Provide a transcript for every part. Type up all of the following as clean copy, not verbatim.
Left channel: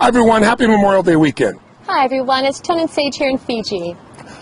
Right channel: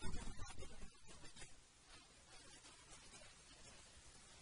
Hi everyone, happy Memorial Day weekend. Hi everyone, it's Tone and Sage here in Fiji.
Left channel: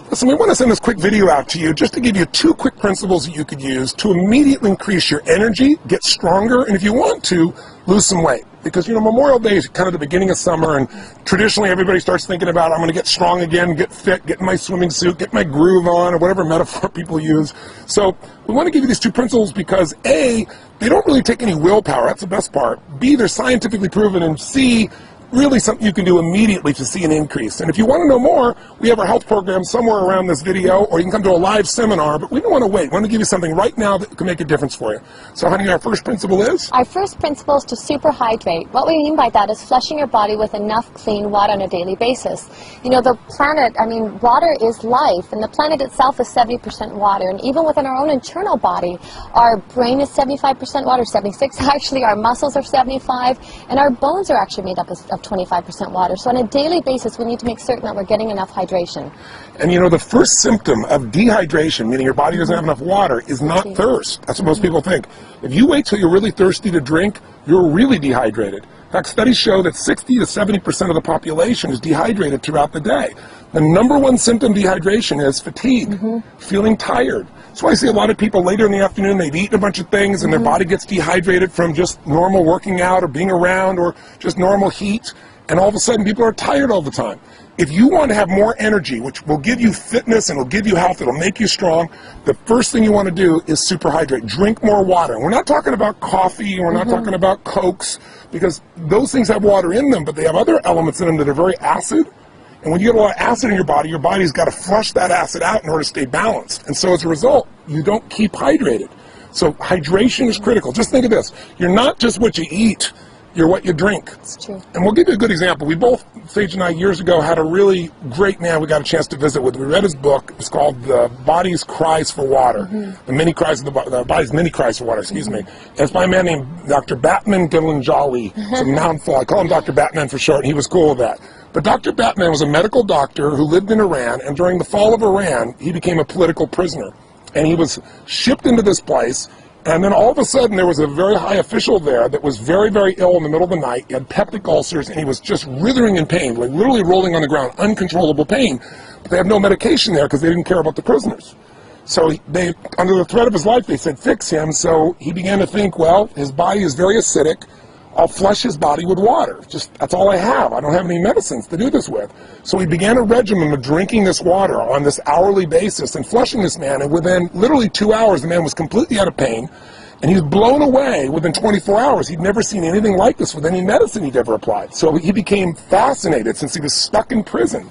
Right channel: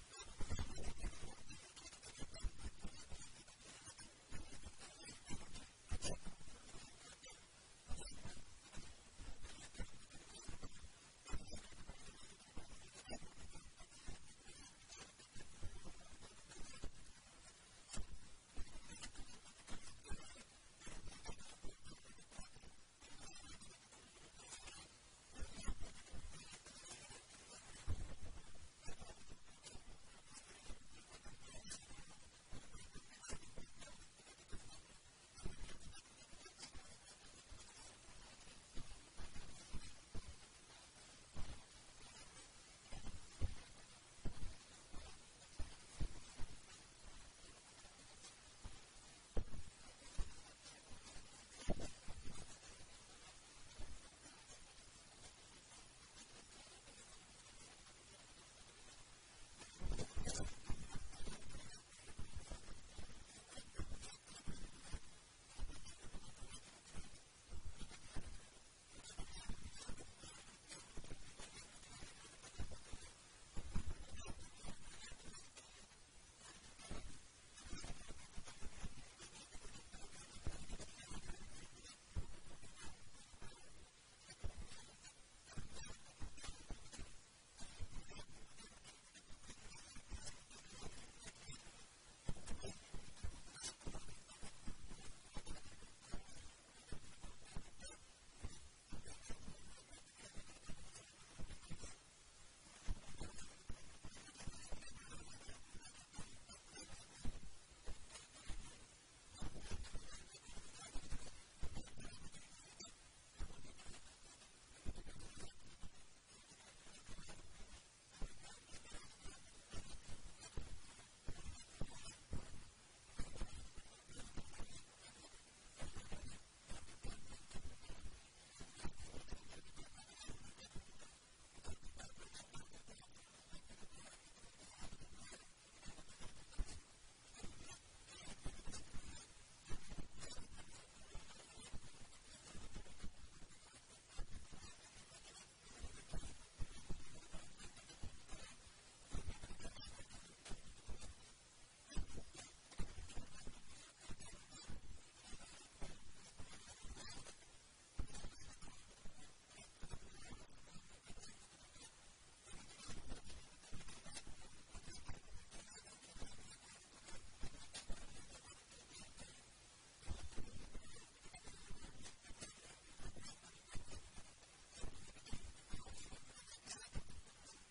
Listen, we want to send this quick video out to you just to give you 2 quick principles that you could use to immediately increase your energy, get stronger, and if you want to, lose some weight. Because, you know, Memorial Day is kind of the beginning of summer, and traditionally everybody starts thinking about, I'm going to get strong again, get fit, get in my swimming suit, get my groove on, or whatever metaphor people use. So we want to give you these 2 principles because A, they don't really take any willpower, that's the best part. B, they're scientifically proven, and C, really something you can do immediately to see an increase. And if you want to know more, we have our health program somewhere around this video, or you can come to a live seminar, but we don't want to wait. We want to give you something right now that can make a difference for you. So honey, our first principle is? Our first principle is to super hydrate. What we mean by that is flushing your body with enough clean water on a daily basis. You know, the planet, water is life, and the planet itself is 70% water, and even within our own internal body, our brain is 75% water, 76 actually, our muscles are 75, and our bones are actually made up of 25% water. So on a daily basis, we need to make certain that we're getting enough hydration. And you know, the first symptom of dehydration, meaning your body doesn't have enough water, is not thirst. That's what most people think. If you wait till you're really thirsty to drink, you're really dehydrated. In fact, studies show that 60 to 70% of the population is dehydrated throughout the day. The #1 symptom of dehydration is fatigue, feeling tired. That's why I see a lot of people later in the afternoon, they've eaten a bunch of things and their body gets dehydrated from just normal working out or being around or just normal heat, and all of a sudden people are tired all the time. If you want to have more energy, which will give you fitness and will give you health, it'll make you strong, the first thing you want to do is super hydrate. Drink more water. And we're not talking about coffee, and we're not talking about Cokes, because those things have water in them, but they have other elements in them that are very acid. And when you get a lot of acid in your body's got to flush that acid out in order to stay balanced. And so as a result, you don't keep hydrated. So hydration is critical. Just think of this. You're not just what you eat, you're what you drink. It's true. And we'll give you a good example. We both, Sage and I, years ago, had a really great man we got a chance to visit with. We read his book. It's called The Body's Cries for Water. The Body's Many Cries for Water, excuse me. And it's by a man named Dr. Batman Gilanjali. It's a mouthful. I call him Dr. Batman for short, and he was cool with that. But Dr. Batman was a medical doctor who lived in Iran, and during the fall of Iran, he became a political prisoner. And he was shipped into this place, and then all of a sudden there was a very high official there that was very, very ill in the middle of the night. He had peptic ulcers, and he was just writhing in pain, like literally rolling on the ground, uncontrollable pain. But they have no medication there because they didn't care about the prisoners. So they, under the threat of his life, they said, fix him. So he began to think, well, his body is very acidic. I'll flush his body with water. Just, that's all I have. I don't have any medicines to do this with. So he began a regimen of drinking this water on this hourly basis and flushing this man. And within literally 2 hours, the man was completely out of pain. And he was blown away within 24 hours. He'd never seen anything like this with any medicine he'd ever applied. So he became fascinated since he was stuck in prison.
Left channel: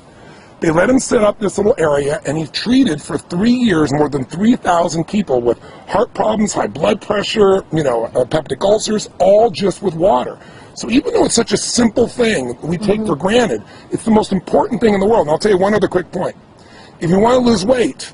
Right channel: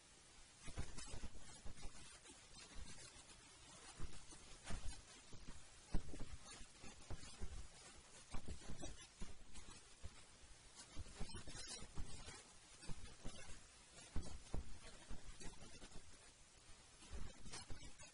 They let him set up this little area, and he treated for 3 years more than 3,000 people with heart problems, high blood pressure, peptic ulcers, all just with water. So even though it's such a simple thing we take for granted, it's the most important thing in the world. And I'll tell you one other quick point. If you want to lose weight,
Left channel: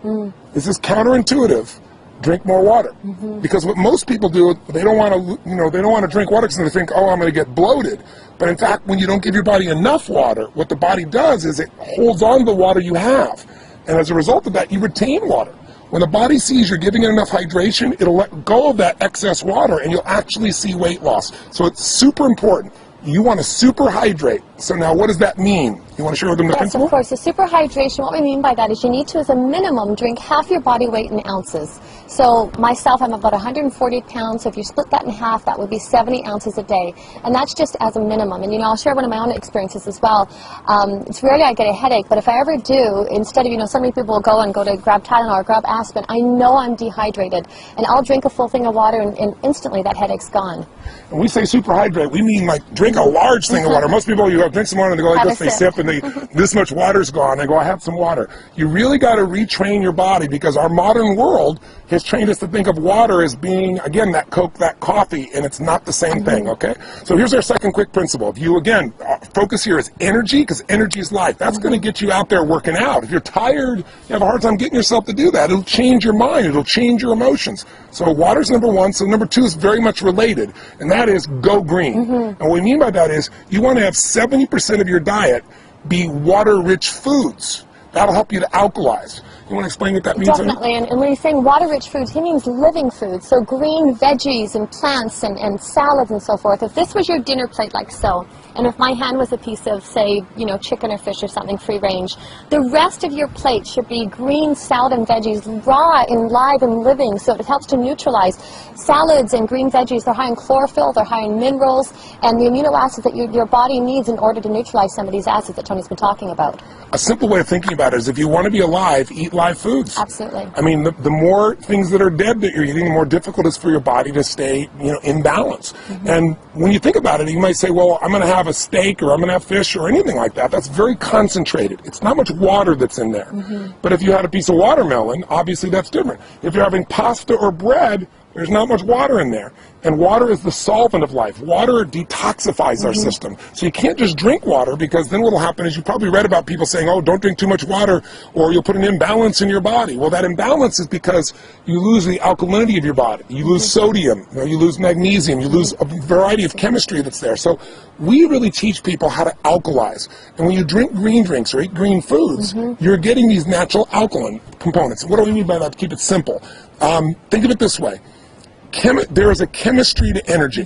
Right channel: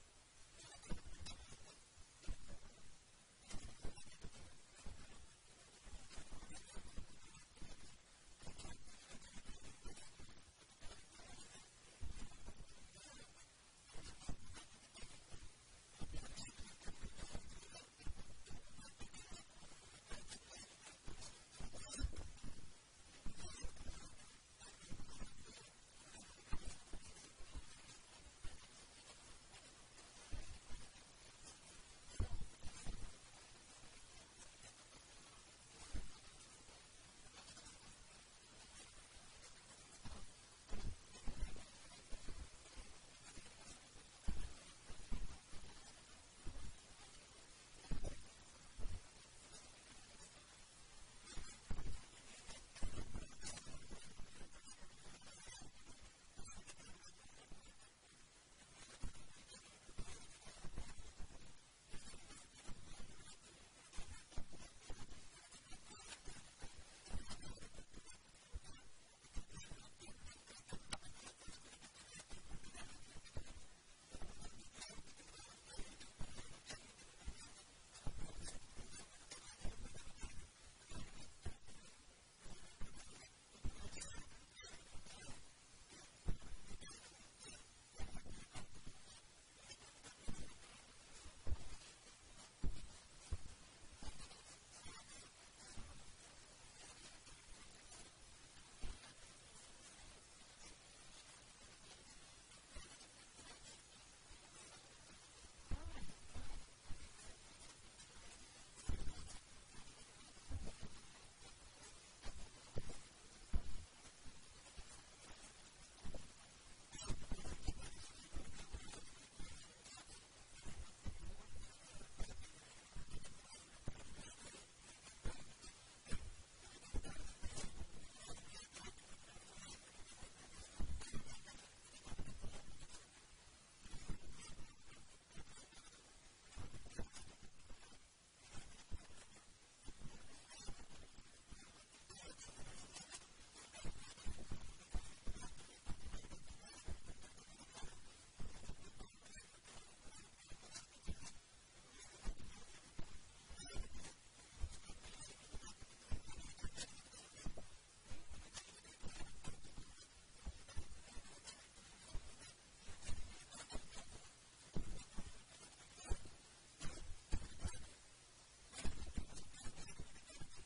this is counterintuitive. Drink more water, because what most people do, they don't want to, they don't want to drink water because they think, oh, I'm going to get bloated. But in fact, when you don't give your body enough water, what the body does is it holds on to the water you have, and as a result of that, you retain water. When the body sees you're giving it enough hydration, it'll let go of that excess water, and you'll actually see weight loss. So it's super important. You want to super hydrate. So now what does that mean? You want to share them the principle? Yes, of course. So super hydration, what we mean by that is you need to, as a minimum, drink half your body weight in ounces. So myself, I'm about 140 pounds, so if you split that in half, that would be 70 ounces a day. And that's just as a minimum. And I'll share one of my own experiences as well. It's rarely I get a headache, but if I ever do, instead of, so many people will go to grab Tylenol or grab aspirin, I know I'm dehydrated. And I'll drink a full thing of water, and instantly that headache's gone. When we say super hydrate, we mean like drink a large thing of water. Most people, you drink some water and they go like this, they sip and this much water's gone. They go, I have some water. You really got to retrain your body, because our modern world has trained us to think of water as being, again, that Coke, that coffee, and it's not the same thing, okay? So here's our second quick principle. If you, again, focus here is energy, because energy is life. That's going to get you out there working out. If you're tired, you have a hard time getting yourself to do that. It'll change your mind. It'll change your emotions. So water's #1. So #2 is very much related, and that is go green. And what we mean by that is you want to have 70% of your diet be water-rich foods. That'll help you to alkalize. You want to explain what that means? Definitely, and when he's saying water-rich foods, he means living foods, so green veggies and plants and salads and so forth. If this was your dinner plate like so, and if my hand was a piece of, say, you know, chicken or fish or something free range, the rest of your plate should be green salad and veggies, raw and live and living, so it helps to neutralize. Salads and green veggies, they're high in chlorophyll, they're high in minerals, and the amino acids that your body needs in order to neutralize some of these acids that Tony's been talking about. A simple way of thinking about it is if you want to be alive, eat live foods. Absolutely. I mean, the more things that are dead that you're eating, the more difficult it is for your body to stay, you know, in balance. And when you think about it, you might say, well, I'm going to have a steak or I'm going to have fish or anything like that. That's very concentrated. It's not much water that's in there. But if you had a piece of watermelon, obviously that's different. If you're having pasta or bread, there's not much water in there. And water is the solvent of life. Water detoxifies our system. So you can't just drink water, because then what will happen is, you probably read about people saying, oh, don't drink too much water or you'll put an imbalance in your body. Well, that imbalance is because you lose the alkalinity of your body. You lose sodium, you lose magnesium, you lose a variety of chemistry that's there. So we really teach people how to alkalize. And when you drink green drinks or eat green foods, you're getting these natural alkaline components. What do we mean by that? To keep it simple. Think of it this way. There is a chemistry to energy.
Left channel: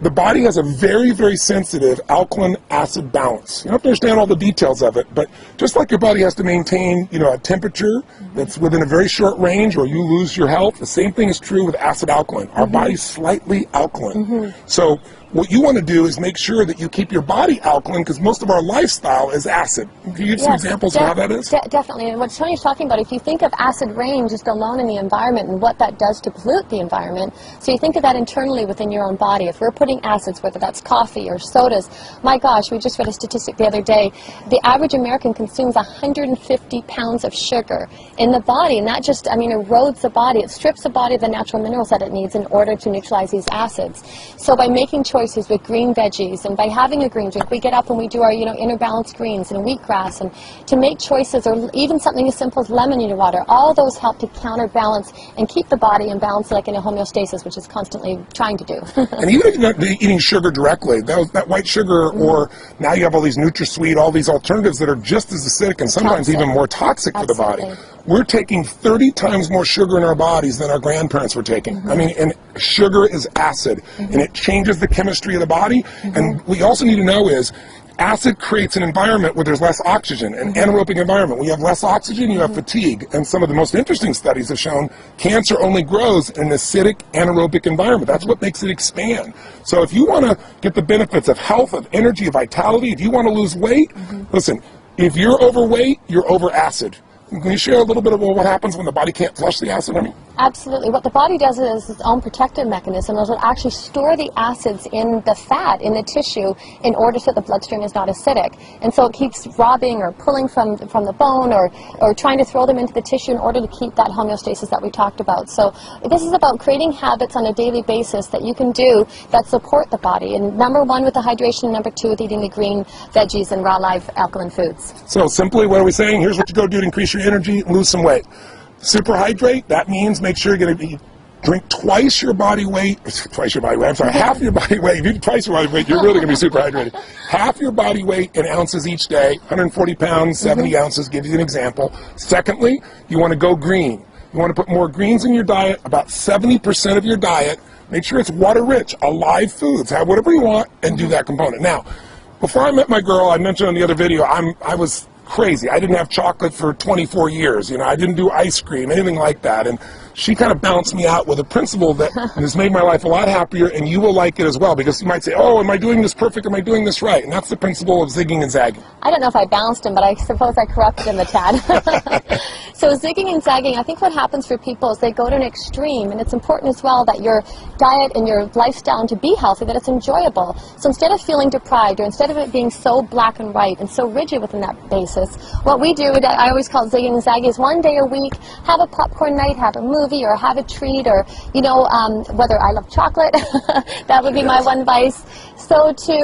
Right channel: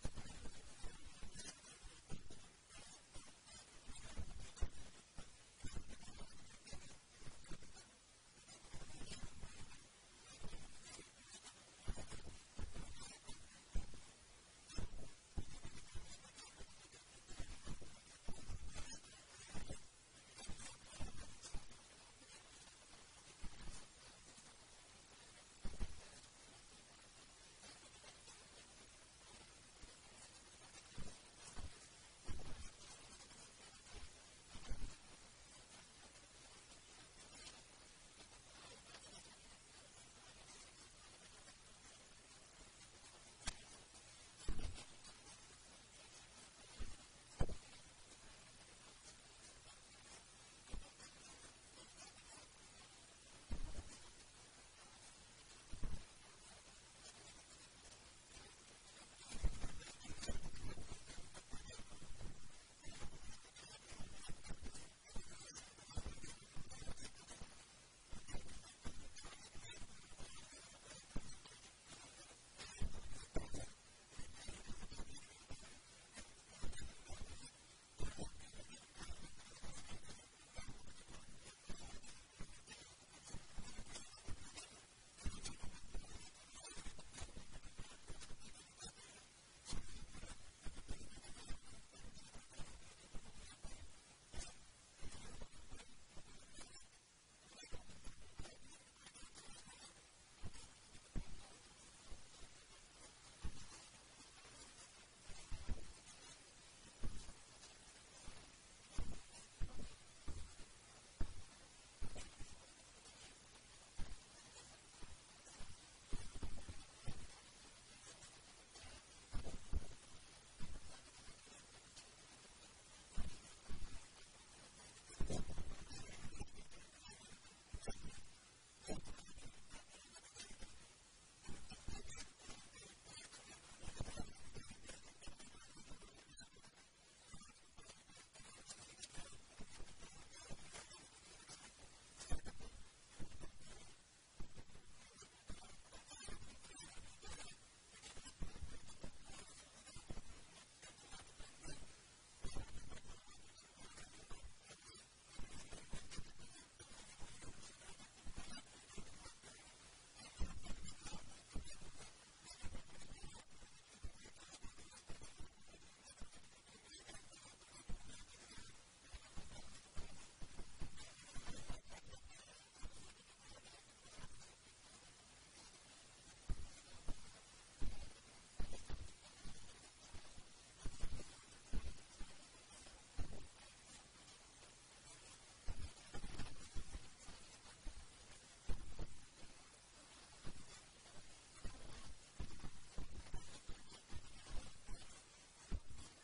The body has a very, very sensitive alkaline acid balance. You don't have to understand all the details of it, but just like your body has to maintain, you know, a temperature that's within a very short range, or you lose your health, the same thing is true with acid alkaline. Our body's slightly alkaline. So what you want to do is make sure that you keep your body alkaline, because most of our lifestyle is acid. Can you give some examples of how that is? Definitely. And what Tony's talking about, if you think of acid rain just alone in the environment and what that does to pollute the environment, so you think of that internally within your own body. If we're putting acids, whether that's coffee or sodas, my gosh, we just read a statistic the other day. The average American consumes 150 pounds of sugar in the body, and that just, I mean, erodes the body. It strips the body of the natural minerals that it needs in order to neutralize these acids. So by making choices with green veggies, and by having a green drink, we get up and we do our, you know, inner balanced greens and wheatgrass, and to make choices, or even something as simple as lemon in your water, all those help to counterbalance and keep the body in balance, like in a homeostasis, which is constantly trying to do. And even if you're not eating sugar directly, that white sugar, or now you have all these NutraSweet, all these alternatives that are just as acidic and sometimes even more toxic for the body. We're taking 30 times more sugar in our bodies than our grandparents were taking. I mean, and sugar is acid, and it changes the chemistry of the body. And what we also need to know is, acid creates an environment where there's less oxygen, an anaerobic environment. When you have less oxygen, you have fatigue. And some of the most interesting studies have shown cancer only grows in an acidic anaerobic environment. That's what makes it expand. So if you want to get the benefits of health, of energy, of vitality, if you want to lose weight, listen, if you're overweight, you're over acid. Can you share a little bit about what happens when the body can't flush the acid? Absolutely. What the body does is its own protective mechanism. It'll actually store the acids in the fat, in the tissue, in order so the bloodstream is not acidic. And so it keeps robbing or pulling from the bone, or trying to throw them into the tissue in order to keep that homeostasis that we talked about. So this is about creating habits on a daily basis that you can do that support the body. And number one with the hydration, and number two with eating the green veggies and raw live alkaline foods. So simply, what are we saying? Here's what you go do to increase your energy and lose some weight. Superhydrate, that means make sure you're going to drink half your body weight. If you do twice your body weight, you're really going to be super hydrated. Half your body weight in ounces each day, 140 pounds, 70 ounces, give you an example. Secondly, you want to go green. You want to put more greens in your diet, about 70% of your diet. Make sure it's water rich, alive foods. Have whatever you want and do that component. Now, before I met my girl, I mentioned on the other video, I was crazy. I didn't have chocolate for 24 years. You know, I didn't do ice cream, anything like that. And she kind of bounced me out with a principle that has made my life a lot happier, and you will like it as well, because you might say, oh, am I doing this perfect? Am I doing this right? And that's the principle of zigging and zagging. I don't know if I bounced him, but I suppose I corrupted him a tad. So zigging and zagging, I think what happens for people is they go to an extreme, and it's important as well that your diet and your lifestyle to be healthy, that it's enjoyable. So instead of feeling deprived, or instead of it being so black and white and so rigid within that basis, what we do, I always call it zigging and zagging, is one day a week, have a popcorn night, have a movie, movie or have a treat, or, you know, whether I love chocolate, that would be my one vice. So to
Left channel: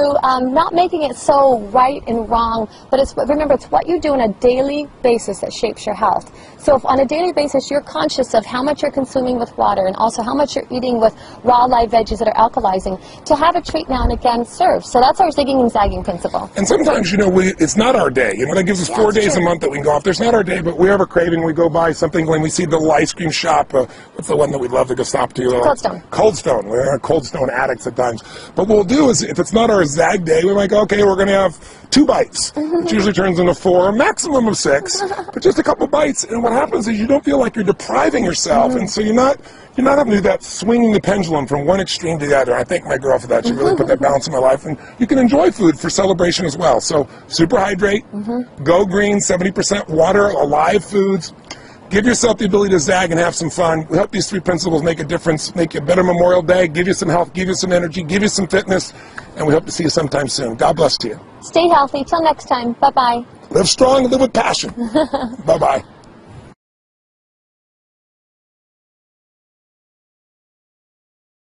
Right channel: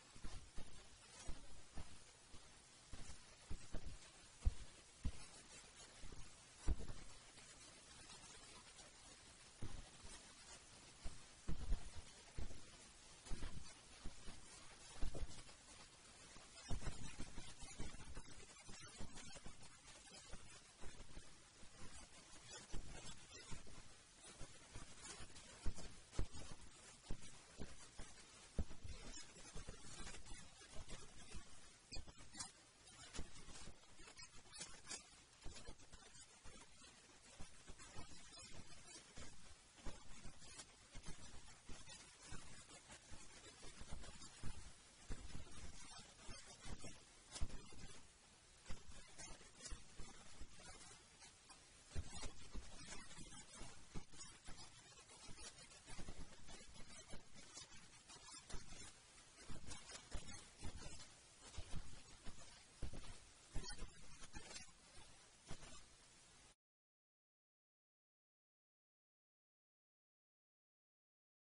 not making it so right and wrong, but remember, it's what you do on a daily basis that shapes your health. So if on a daily basis you're conscious of how much you're consuming with water and also how much you're eating with raw live veggies that are alkalizing, to have a treat now and again serves. So that's our zigging and zagging principle. And sometimes, you know, it's not our day. You know, that gives us 4 days a month that we can go off. There's not our day, but we have a craving. We go buy something when we see the little ice cream shop. What's the one that we love to go stop to? Cold Stone. Cold Stone. We're Cold Stone addicts at times. But what we'll do is, if it's not our zag day, we might go, okay, we're going to have 2 bites, which usually turns into 4, a maximum of 6, but just a couple bites. And what happens is you don't feel like you're depriving yourself, and so you're not having to do that swinging the pendulum from one extreme to the other. I thank my girl for that. She really put that balance in my life. And you can enjoy food for celebration as well. So super hydrate, go green, 70% water, alive foods. Give yourself the ability to zag and have some fun. We hope these 3 principles make a difference, make you a better Memorial Day, give you some health, give you some energy, give you some fitness, and we hope to see you sometime soon. God bless to you. Stay healthy. Till next time. Bye-bye. Live strong and live with passion. Bye-bye.